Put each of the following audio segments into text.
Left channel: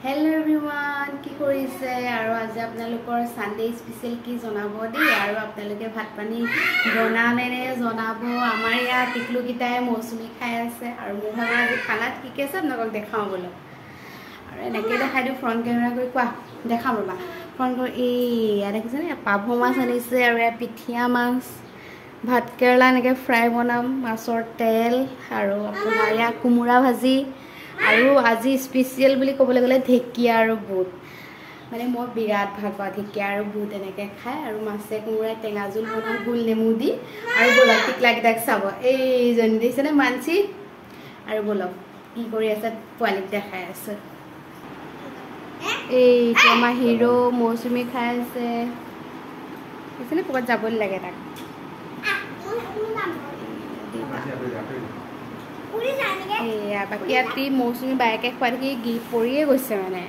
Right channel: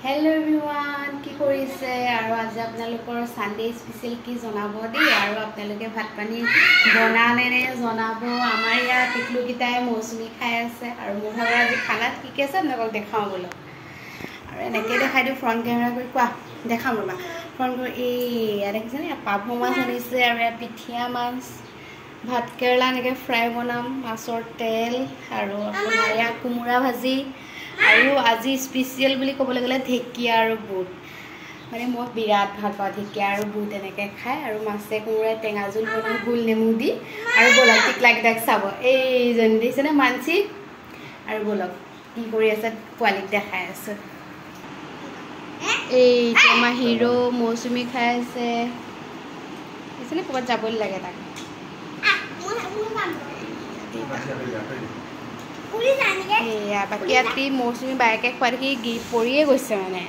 Hello everyone, কি কৰিছে আৰু আজি আপোনালোকৰ সানডে স্পেশাল কি জনাব দেই আৰু আপোনালোকে ভাত পানী বনালে নে জনাব আমাৰ ইয়া টিকলু কিটাই মৌসুমী খাই আছে আৰু মোৰ ঘৰৰ আজি খানাত কি কি আছে আপোনালোকক দেখাও বলো আৰু এনেকৈ দেখাই দিও ফ্ৰন্ট কেমেৰা কৰি কোৱা দেখাম ৰবা ফ্ৰন্ট এই দেখিছেনে পাভো মাছ আনিছে আৰু পিঠিয়া মাছ ভাত কেৰেলা এনেকৈ ফ্ৰাই বনাম মাছৰ তেল আৰু আপোনাৰ ইয়া কোমোৰা ভাজি আৰু আজি স্পেশাল বুলি ক'বলৈ গ'লে ঢেকিয়া আৰু বুট মানে মই বিৰাট ভাল পাওঁ ঢেকিয়া আৰু বুট এনেকৈ খাই আৰু মাছে কোমোৰাই টেঙা জোল বনাম গোল নেমু দি আৰু বলক টিকলাকেইটাক চাব এইজনী দেখিছেনে মানসি আৰু বলক কি কৰি আছে পোৱালিক দেখাই আছে এইটো আমাৰ হিৰো মৌচুমী খাই আছে দেখিছেনে ক'ৰবাত যাবলৈ লাগে তাক বাকী ৰাতি মৌচুমী বাইকে খোৱা দেখি গিৰি পৰিয়ে গৈছে মানে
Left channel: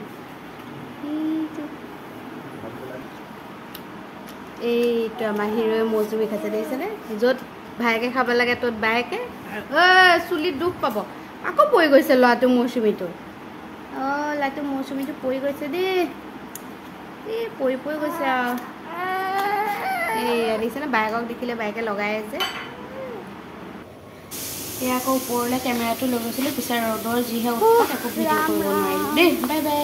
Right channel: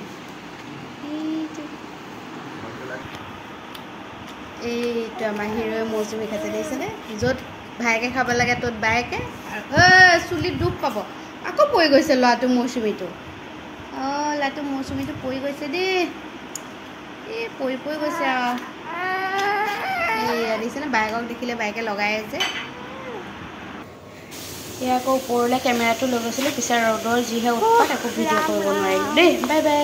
এইটো আমাৰ হিৰোৱে মৌচুমী খাইছে দেখিছেনে য'ত ভায়েকে খাব লাগে ত'ত বাইকে চুলিত দুখ পাব আকৌ পৰি গৈছে ল'ৰাটো মৌচুমীটো ল'ৰাটো মৌচুমীটো পৰি গৈছে দেই এই পৰি গৈছে আৰু দেখিছেনে বাইকক দেখিলে বাইকে লগাই আছে এয়া আকৌ ওপৰলৈ কেমেৰাটো লৈ গৈছিলোঁ পিছত ৰ'দৰ যিহে উৎপাত একো ভিডিঅ' কৰিব নোৱাৰিলোঁ দেই বাই বাই